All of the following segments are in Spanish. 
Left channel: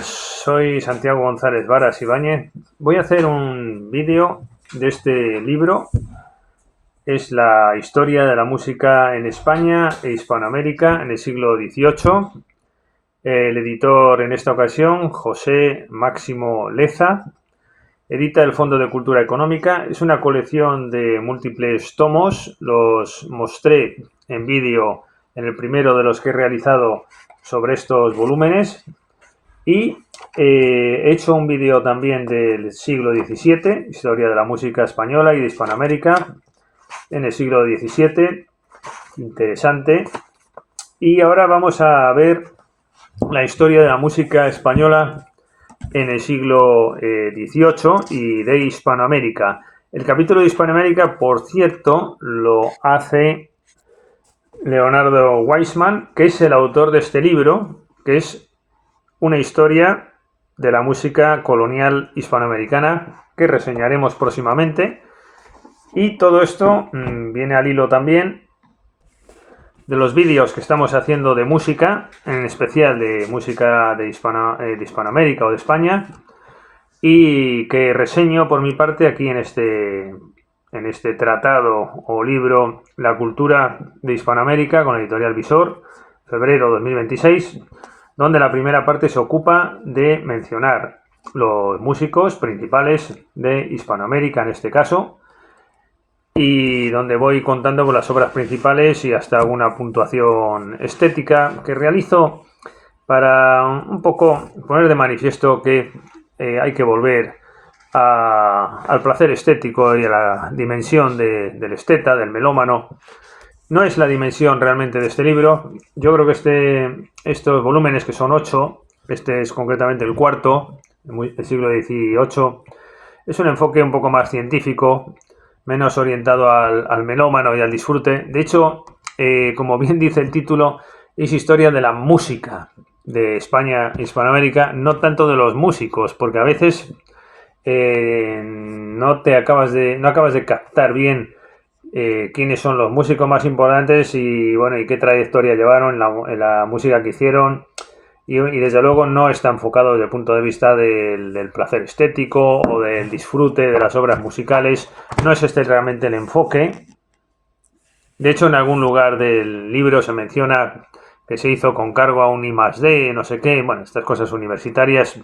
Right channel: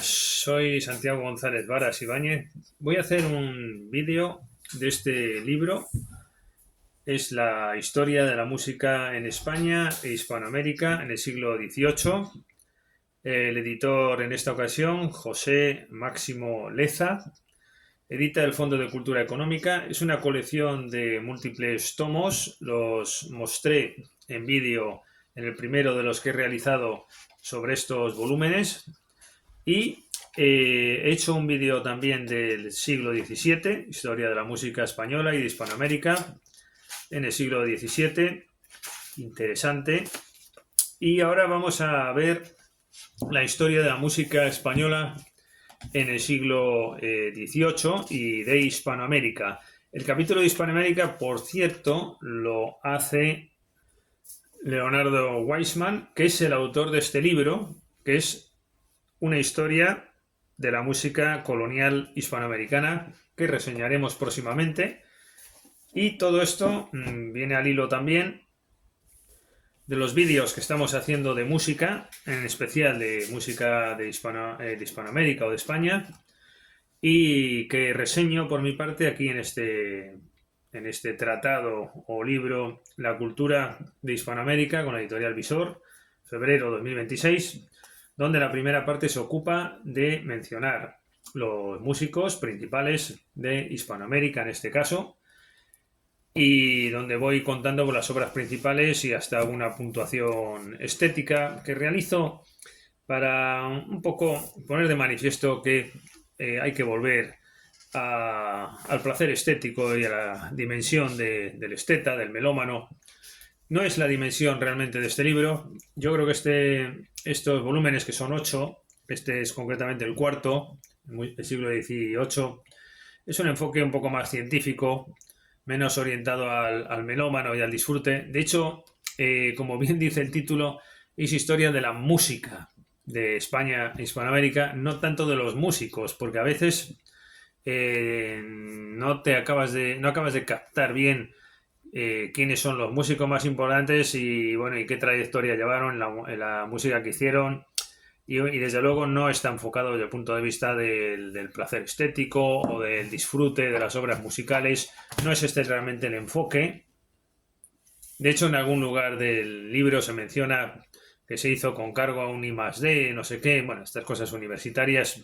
Soy Santiago González Varas Ibáñez. Voy a hacer un vídeo de este libro. Es la historia de la música en España e Hispanoamérica en el siglo XVIII. El editor en esta ocasión, José Máximo Leza, edita el Fondo de Cultura Económica. Es una colección de múltiples tomos. Los mostré en vídeo en el primero de los que he realizado sobre estos volúmenes. Y he hecho un vídeo también del siglo XVII, historia de la música española y de Hispanoamérica en el siglo XVII, interesante. Y ahora vamos a ver la historia de la música española en el siglo XVIII y de Hispanoamérica. El capítulo de Hispanoamérica, por cierto, lo hace Leonardo Weissman, que es el autor de este libro, que es una historia de la música colonial hispanoamericana que reseñaremos próximamente. Y todo esto viene al hilo también de los vídeos que estamos haciendo de música, en especial de música de Hispanoamérica o de España, y que reseño por mi parte aquí en este tratado o libro La cultura de Hispanoamérica con la editorial Visor, febrero 2026, donde la primera parte se ocupa de mencionar los músicos principales de Hispanoamérica en este caso, y donde voy contando las obras principales y hasta alguna puntuación estética que realizo para un poco poner de manifiesto que hay que volver al placer estético y a la dimensión del esteta, del melómano. No es la dimensión realmente de este libro. Yo creo que estos volúmenes, que son 8, este es concretamente el cuarto, del siglo XVIII, es un enfoque un poco más científico, menos orientado al melómano y al disfrute. De hecho, como bien dice el título, es historia de la música de España e Hispanoamérica, no tanto de los músicos, porque a veces no acabas de captar bien quiénes son los músicos más importantes y bueno, y qué trayectoria llevaron en la música que hicieron, y desde luego no está enfocado desde el punto de vista del placer estético o del disfrute de las obras musicales. No es este realmente el enfoque. De hecho, en algún lugar del libro se menciona que se hizo con cargo a un I+D, no sé qué, bueno, estas cosas universitarias.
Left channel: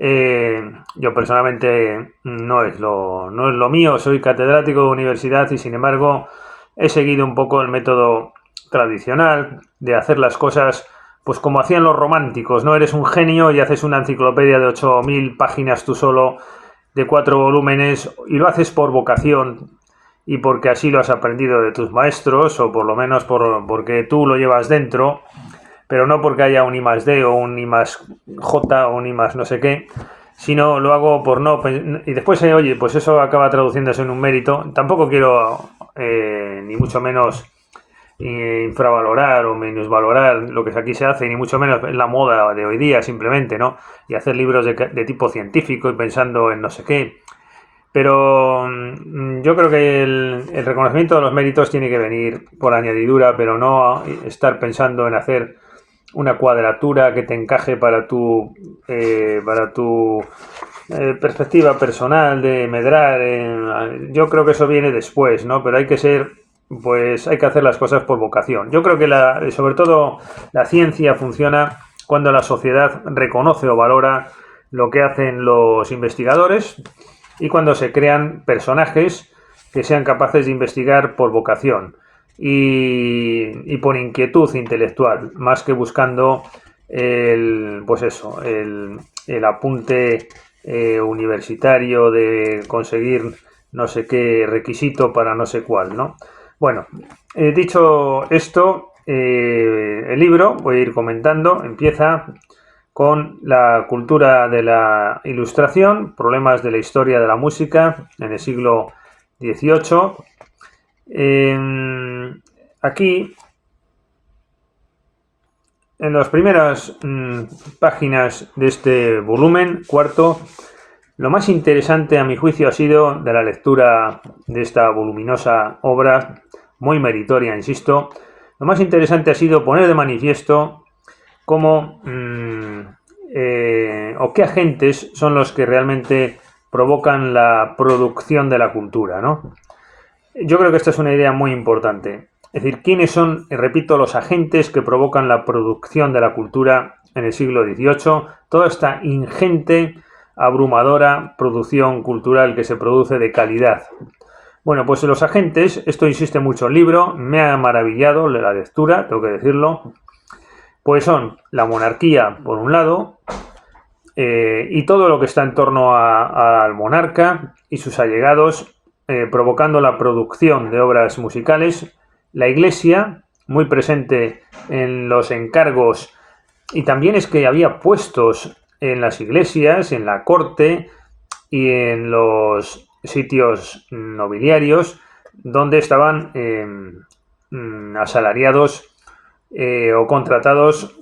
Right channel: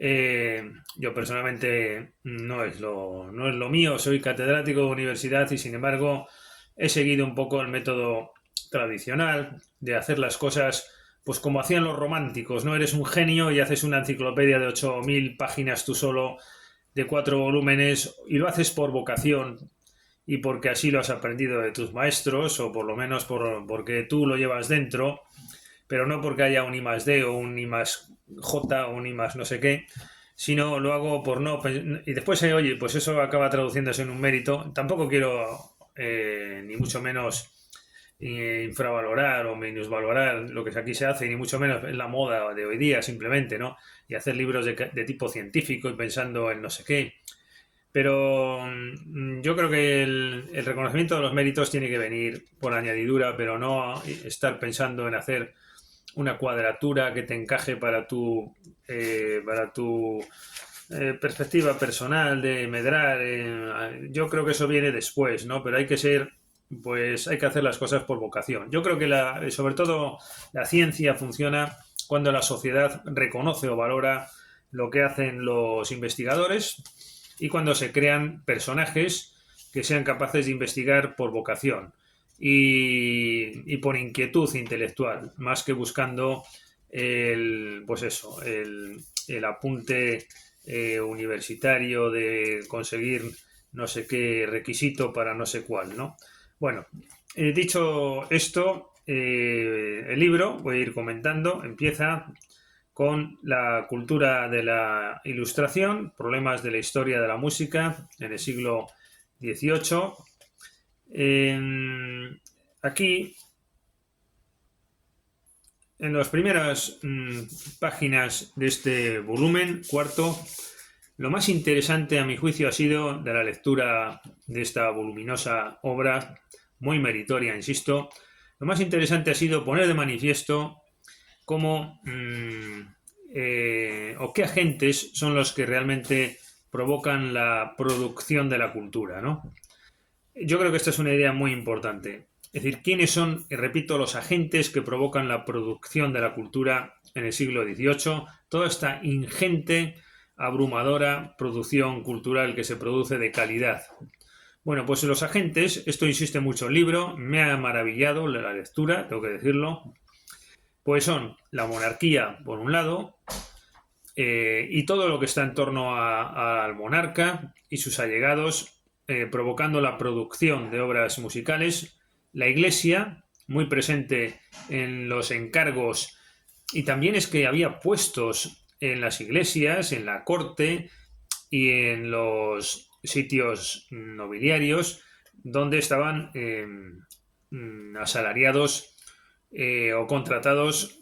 Yo personalmente no es lo mío, soy catedrático de universidad y sin embargo he seguido un poco el método tradicional de hacer las cosas pues como hacían los románticos, ¿no? Eres un genio y haces una enciclopedia de 8.000 páginas tú solo, de 4 volúmenes, y lo haces por vocación y porque así lo has aprendido de tus maestros, o por lo menos porque tú lo llevas dentro, pero no porque haya un I+D o un I+J o un I+ no sé qué, sino lo hago por no... Y después, oye, pues eso acaba traduciéndose en un mérito. Tampoco quiero, ni mucho menos, infravalorar o minusvalorar lo que aquí se hace, ni mucho menos en la moda de hoy día, simplemente, ¿no? Y hacer libros de tipo científico y pensando en no sé qué. Pero yo creo que el reconocimiento de los méritos tiene que venir por añadidura, pero no estar pensando en hacer una cuadratura que te encaje para tu perspectiva personal de medrar. Yo creo que eso viene después, ¿no? Pero hay que hacer las cosas por vocación. Yo creo que sobre todo la ciencia funciona cuando la sociedad reconoce o valora lo que hacen los investigadores y cuando se crean personajes que sean capaces de investigar por vocación y por inquietud intelectual, más que buscando el apunte universitario de conseguir no sé qué requisito para no sé cuál, ¿no? Bueno, dicho esto, el libro, voy a ir comentando, empieza con la cultura de la ilustración, problemas de la historia de la música en el siglo XVIII. Aquí, en las primeras páginas de este volumen, cuarto, lo más interesante a mi juicio ha sido de la lectura de esta voluminosa obra, muy meritoria, insisto, lo más interesante ha sido poner de manifiesto cómo o qué agentes son los que realmente provocan la producción de la cultura, ¿no? Yo creo que esta es una idea muy importante. Es decir, ¿quiénes son, y repito, los agentes que provocan la producción de la cultura en el siglo XVIII? Toda esta ingente, abrumadora producción cultural que se produce de calidad. Bueno, pues los agentes, esto insiste mucho el libro, me ha maravillado la lectura, tengo que decirlo, pues son la monarquía, por un lado, y todo lo que está en torno al monarca y sus allegados, provocando la producción de obras musicales, la Iglesia, muy presente en los encargos, y también es que había puestos en las iglesias, en la corte y en los sitios nobiliarios donde estaban asalariados o contratados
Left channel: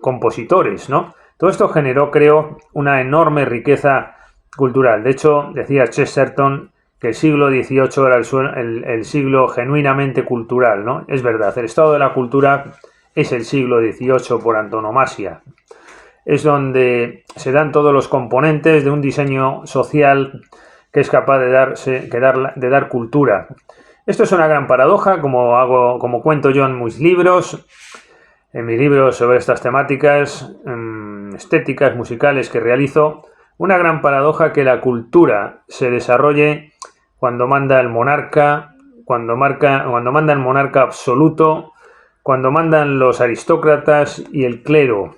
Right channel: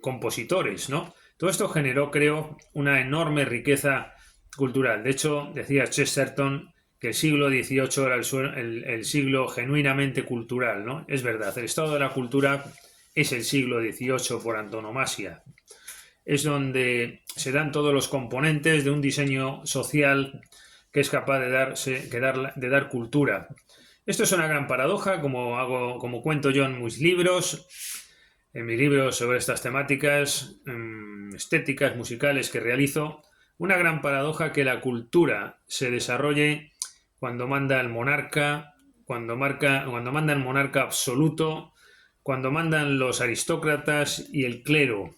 compositores, ¿no? Todo esto generó, creo, una enorme riqueza cultural. De hecho, decía Chesterton que el siglo XVIII era el siglo genuinamente cultural, ¿no? Es verdad, el estado de la cultura es el siglo XVIII por antonomasia. Es donde se dan todos los componentes de un diseño social que es capaz de dar cultura. Esto es una gran paradoja, como cuento yo en mis libros sobre estas temáticas estéticas, musicales que realizo. Una gran paradoja que la cultura se desarrolle cuando manda el monarca, cuando manda el monarca absoluto, cuando mandan los aristócratas y el clero.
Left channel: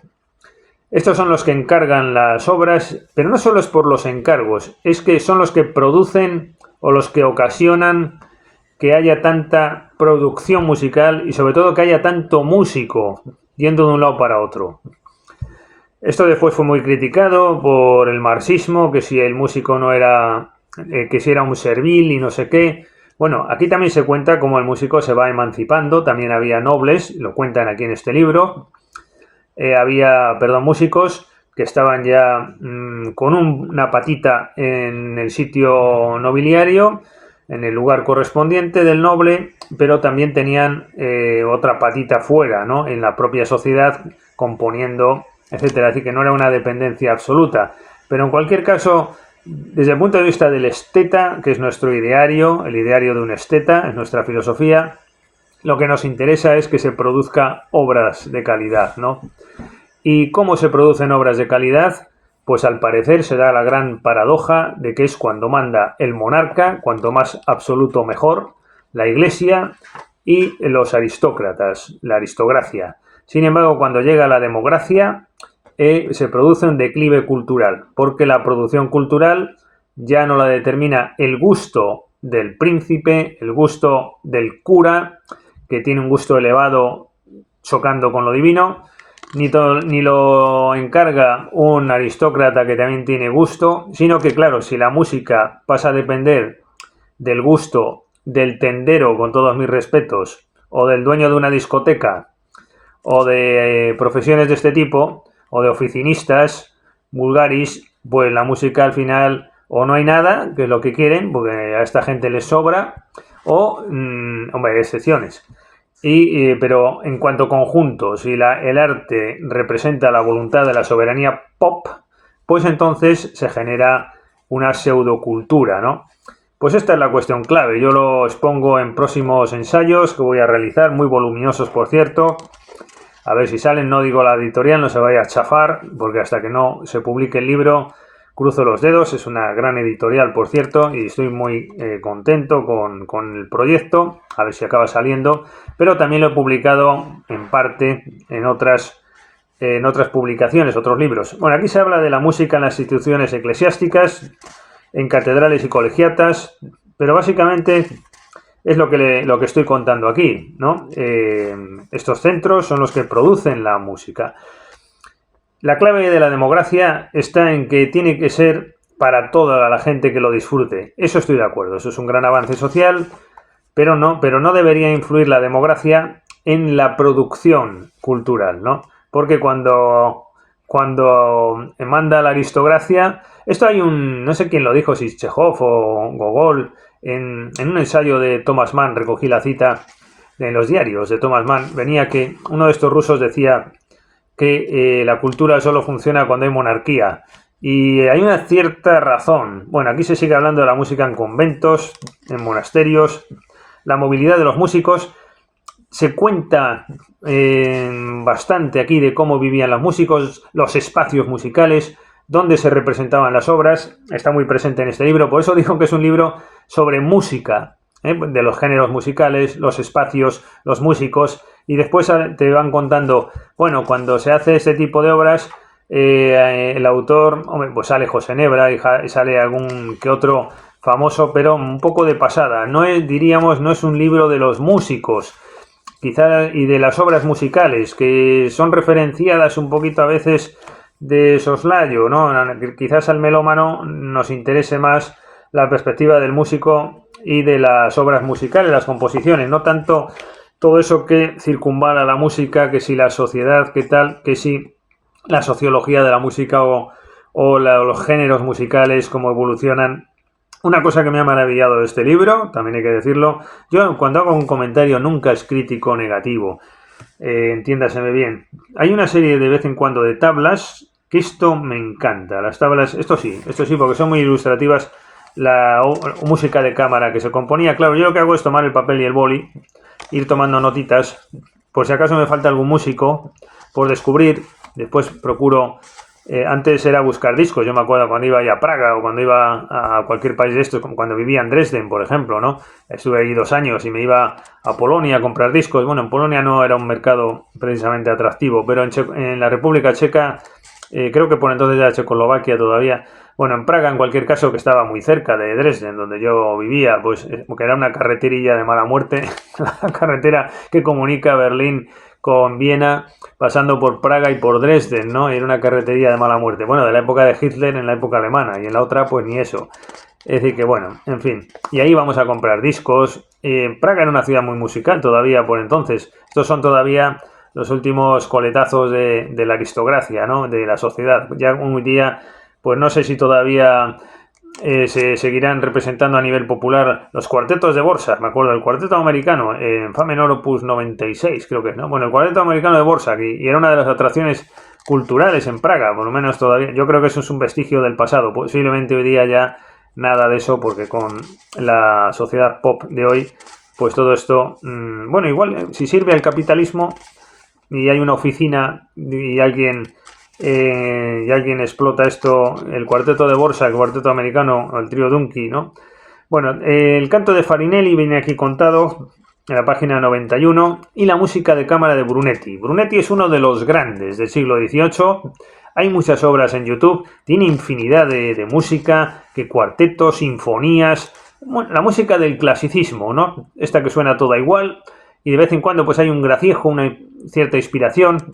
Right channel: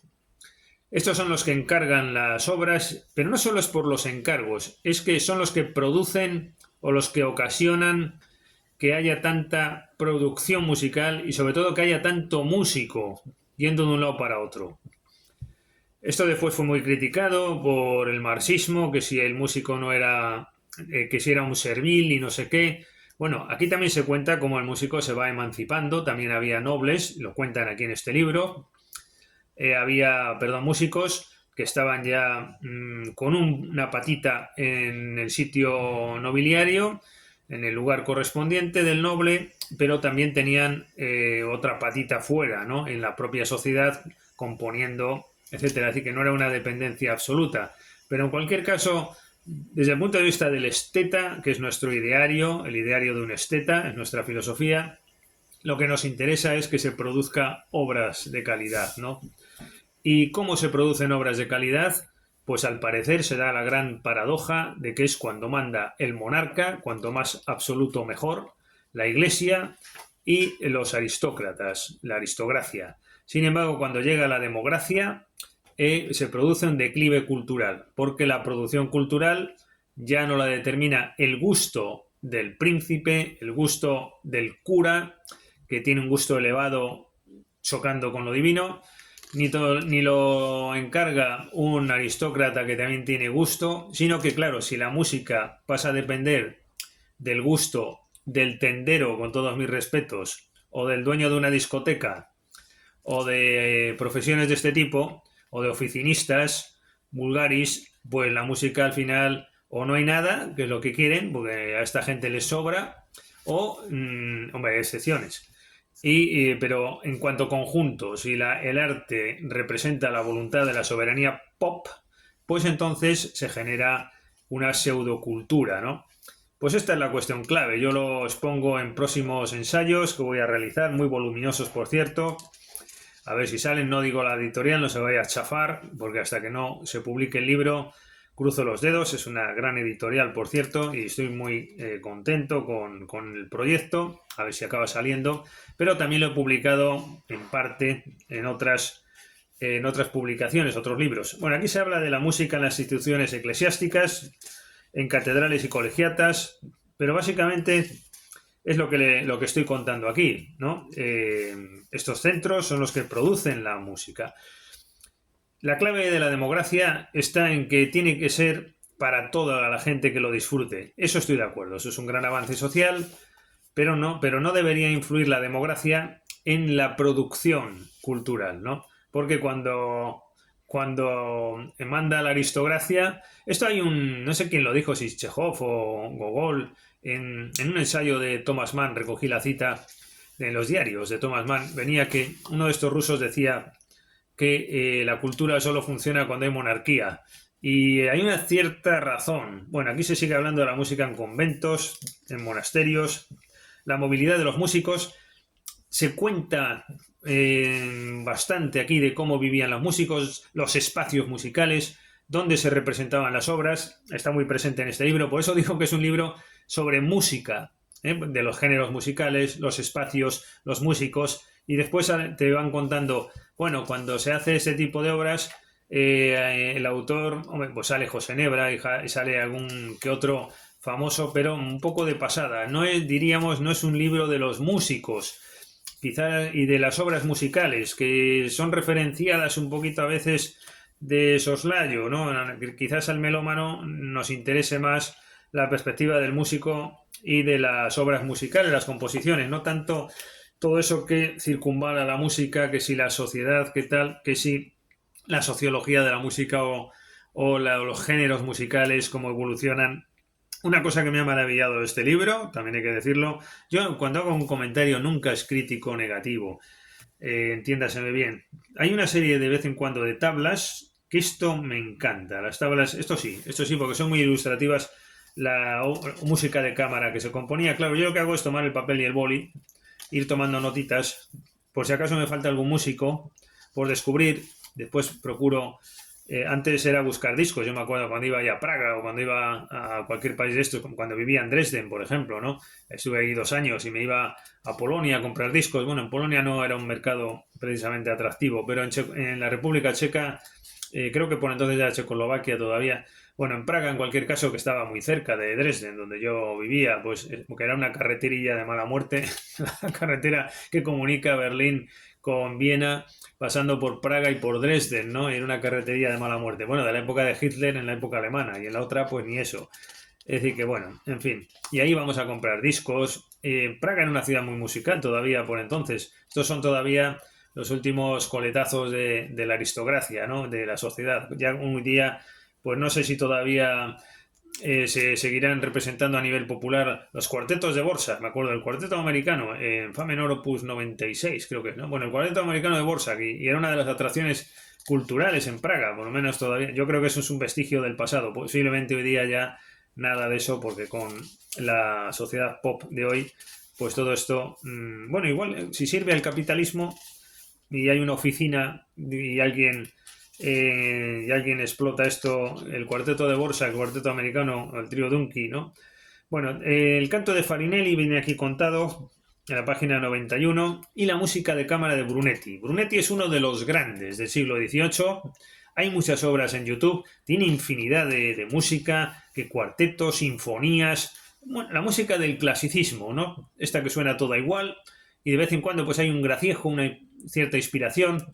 Estos son los que encargan las obras, pero no solo es por los encargos, es que son los que producen o los que ocasionan que haya tanta producción musical y sobre todo que haya tanto músico yendo de un lado para otro. Esto después fue muy criticado por el marxismo, que si el músico no era, que si era un servil y no sé qué. Bueno, aquí también se cuenta cómo el músico se va emancipando, también había nobles, lo cuentan aquí en este libro. Había músicos que estaban ya con una patita en el sitio nobiliario, en el lugar correspondiente del noble, pero también tenían otra patita fuera, ¿no? En la propia sociedad, componiendo, etcétera. Así que no era una dependencia absoluta. Pero en cualquier caso, desde el punto de vista del esteta, que es nuestro ideario, el ideario de un esteta, es nuestra filosofía, lo que nos interesa es que se produzca obras de calidad, ¿no? ¿Y cómo se producen obras de calidad? Pues al parecer se da la gran paradoja de que es cuando manda el monarca, cuanto más absoluto mejor, la Iglesia y los aristócratas, la aristocracia. Sin embargo, cuando llega la democracia, se produce un declive cultural, porque la producción cultural ya no la determina el gusto del príncipe, el gusto del cura, que tiene un gusto elevado chocando con lo divino, ni lo encarga un aristócrata que también tiene gusto, sino que, claro, si la música pasa a depender del gusto del tendero, con todos mis respetos, o del dueño de una discoteca, o de profesiones de este tipo, o de oficinistas, vulgaris, pues la música al final o no hay nada, que es lo que quieren, porque a esta gente les sobra, o, hombre, hay excepciones. Pero en cuanto a conjunto, si el arte representa la voluntad de la soberanía pop, pues entonces se genera una pseudocultura, ¿no? Pues esta es la cuestión clave. Yo lo expongo en próximos ensayos que voy a realizar, muy voluminosos, por cierto. A ver si salen, no digo la editorial, no se vaya a chafar, porque hasta que no se publique el libro, cruzo los dedos. Es una gran editorial, por cierto, y estoy muy contento con el proyecto, a ver si acaba saliendo. Pero también lo he publicado en parte en otras publicaciones, otros libros. Bueno, aquí se habla de la música en las instituciones eclesiásticas, en catedrales y colegiatas, pero básicamente es lo que estoy contando aquí, ¿no? Estos centros son los que producen la música. La clave de la democracia está en que tiene que ser para toda la gente que lo disfrute. Eso estoy de acuerdo, eso es un gran avance social, pero no debería influir la democracia en la producción cultural, ¿no? Porque cuando manda la aristocracia, esto hay no sé quién lo dijo, si Chekhov o Gogol, en un ensayo de Thomas Mann, recogí la cita en los diarios de Thomas Mann, venía que uno de estos rusos decía que la cultura solo funciona cuando hay monarquía. Y hay una cierta razón. Bueno, aquí se sigue hablando de la música en conventos, en monasterios, la movilidad de los músicos. Se cuenta bastante aquí de cómo vivían los músicos, los espacios musicales, dónde se representaban las obras. Está muy presente en este libro. Por eso digo que es un libro sobre música, de los géneros musicales, los espacios, los músicos. Y después te van contando, bueno, cuando se hace este tipo de obras, el autor, hombre, pues sale José Nebra y sale algún que otro famoso, pero un poco de pasada. No es, diríamos, no es un libro de los músicos, quizás, y de las obras musicales, que son referenciadas un poquito a veces de soslayo, ¿no? Quizás al melómano nos interese más la perspectiva del músico y de las obras musicales, las composiciones, no tanto todo eso que circunvala la música, que si la sociedad, que tal, que si la sociología de la música o los géneros musicales, cómo evolucionan. Una cosa que me ha maravillado de este libro, también hay que decirlo, yo cuando hago un comentario nunca es crítico negativo, entiéndaseme bien. Hay una serie de vez en cuando de tablas que esto me encanta. Las tablas, esto sí, porque son muy ilustrativas. La música de cámara que se componía, claro, yo lo que hago es tomar el papel y el boli, ir tomando notitas, por si acaso me falta algún músico por descubrir. Después procuro, antes era buscar discos, yo me acuerdo cuando iba a Praga o cuando iba a cualquier país de estos, como cuando vivía en Dresden, por ejemplo, ¿no? Estuve ahí 2 años y me iba a Polonia a comprar discos. Bueno, en Polonia no era un mercado precisamente atractivo, pero en la República Checa, creo que por entonces ya Checoslovaquia todavía. Bueno, en Praga, en cualquier caso, que estaba muy cerca de Dresden, donde yo vivía, pues porque era una carreterilla de mala muerte, la carretera que comunica Berlín con Viena, pasando por Praga y por Dresden, ¿no? Era una carretería de mala muerte. Bueno, de la época de Hitler en la época alemana, y en la otra, pues ni eso. Es decir, que bueno, en fin. Y ahí vamos a comprar discos. Praga era una ciudad muy musical todavía por entonces. Estos son todavía los últimos coletazos de la aristocracia, ¿no? De la sociedad. Ya un día, pues no sé si todavía se seguirán representando a nivel popular los cuartetos de Borsa. Me acuerdo del cuarteto americano, en Fa menor opus 96, creo que es, ¿no? Bueno, el cuarteto americano de Borsa, y era una de las atracciones culturales en Praga, por lo menos todavía. Yo creo que eso es un vestigio del pasado. Posiblemente hoy día ya nada de eso, porque con la sociedad pop de hoy, pues todo esto, bueno, igual, si sirve al capitalismo y hay una oficina y alguien explota esto, el cuarteto de Borsa, el cuarteto americano, el trío Dunky, ¿no? Bueno, el canto de Farinelli viene aquí contado en la página 91 y la música de cámara de Brunetti. Brunetti es uno de los grandes del siglo XVIII. Hay muchas obras en YouTube, tiene infinidad de música, que cuartetos, sinfonías, bueno, la música del clasicismo, ¿no? Esta que suena toda igual y de vez en cuando pues hay un graciejo, una cierta inspiración,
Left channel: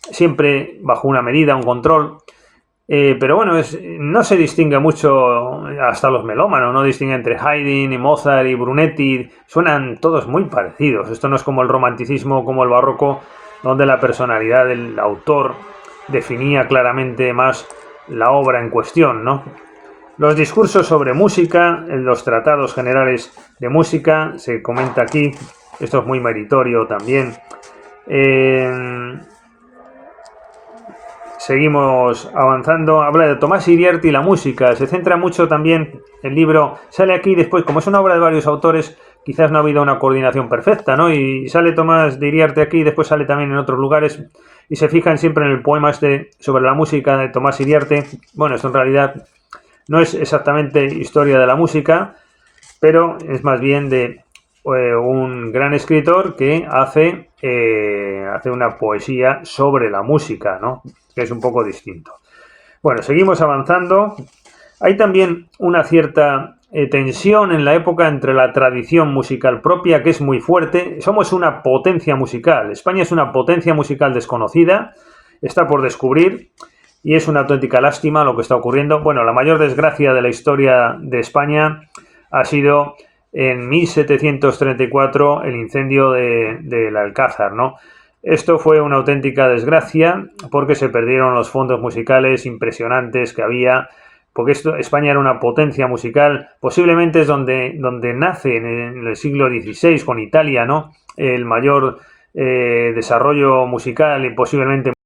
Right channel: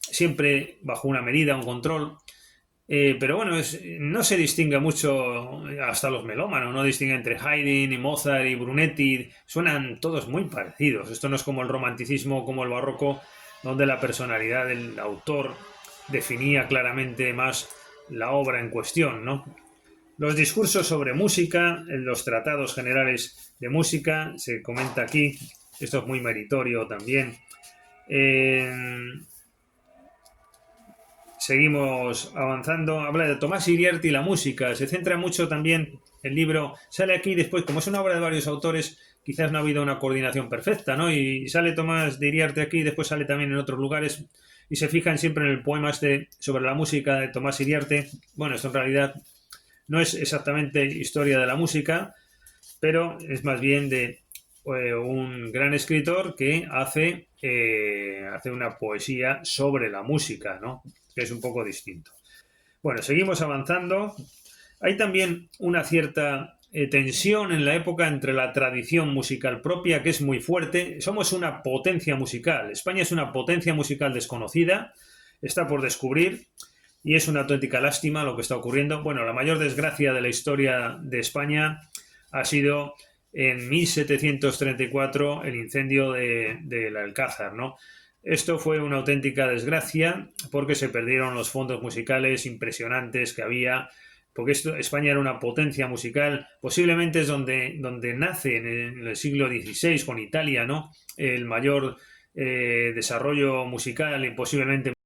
siempre bajo una medida, un control. Pero bueno, no se distingue mucho, hasta los melómanos, no distinguen entre Haydn y Mozart y Brunetti, suenan todos muy parecidos. Esto no es como el romanticismo, como el barroco, donde la personalidad del autor definía claramente más la obra en cuestión, ¿no? Los discursos sobre música, en los tratados generales de música, se comenta aquí, esto es muy meritorio también. Seguimos avanzando. Habla de Tomás Iriarte y la música. Se centra mucho también el libro. Sale aquí después, como es una obra de varios autores, quizás no ha habido una coordinación perfecta, ¿no? Y sale Tomás de Iriarte aquí y después sale también en otros lugares. Y se fijan siempre en el poema sobre la música de Tomás Iriarte. Bueno, esto en realidad no es exactamente historia de la música, pero es más bien de un gran escritor que hace una poesía sobre la música, ¿no? Que es un poco distinto. Bueno, seguimos avanzando. Hay también una cierta tensión en la época entre la tradición musical propia, que es muy fuerte. Somos una potencia musical. España es una potencia musical desconocida, está por descubrir, y es una auténtica lástima lo que está ocurriendo. Bueno, la mayor desgracia de la historia de España ha sido en 1734 el incendio del Alcázar, ¿no? Esto fue una auténtica desgracia porque se perdieron los fondos musicales impresionantes que había, porque España era una potencia musical, posiblemente es donde nace en el siglo XVI con Italia, ¿no? El mayor desarrollo musical y posiblemente